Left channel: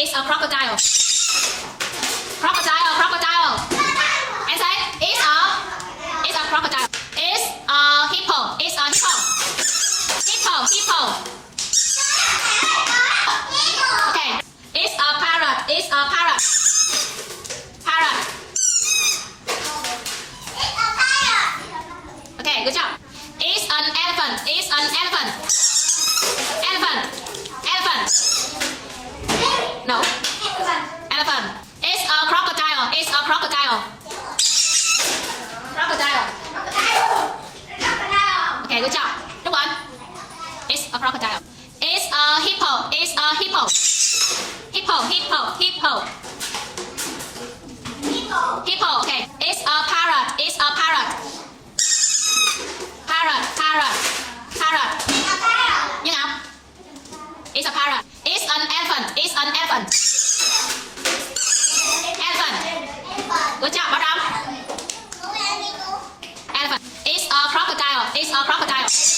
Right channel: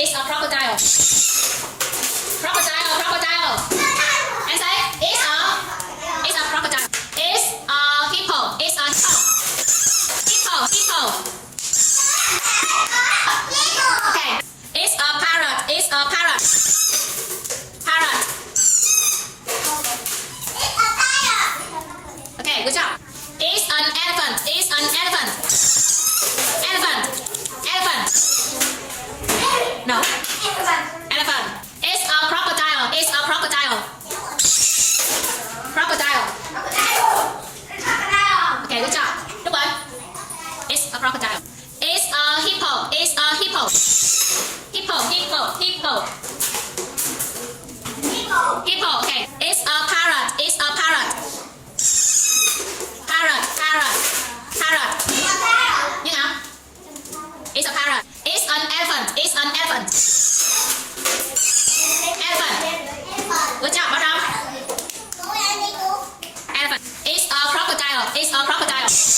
It's a crocodile. Crocodile, crocodile. And say, it's a crocodile. It's a hippo. It's a hippo. Hippo, hippo. Okay. It's a parrot. It's a parrot. Parrot. Okay, good job. It's an elephant. It's an elephant. Elephant. Elephant. No. Elephant. It's a crocodile. It's a crocodile. Crocodile. Okay, good job. Đúng rồi. It's a crocodile. It's a hippo. It's a hippo. Hippo, hippo, hippo. Hippo, okay. It's a parrot. It's a parrot. Parrot, parrot, parrot. You know? It's a parrot. It's an elephant. It's an elephant. Elephant. Good job, madam. Elephant. It's a crocodile. It's a crocodile.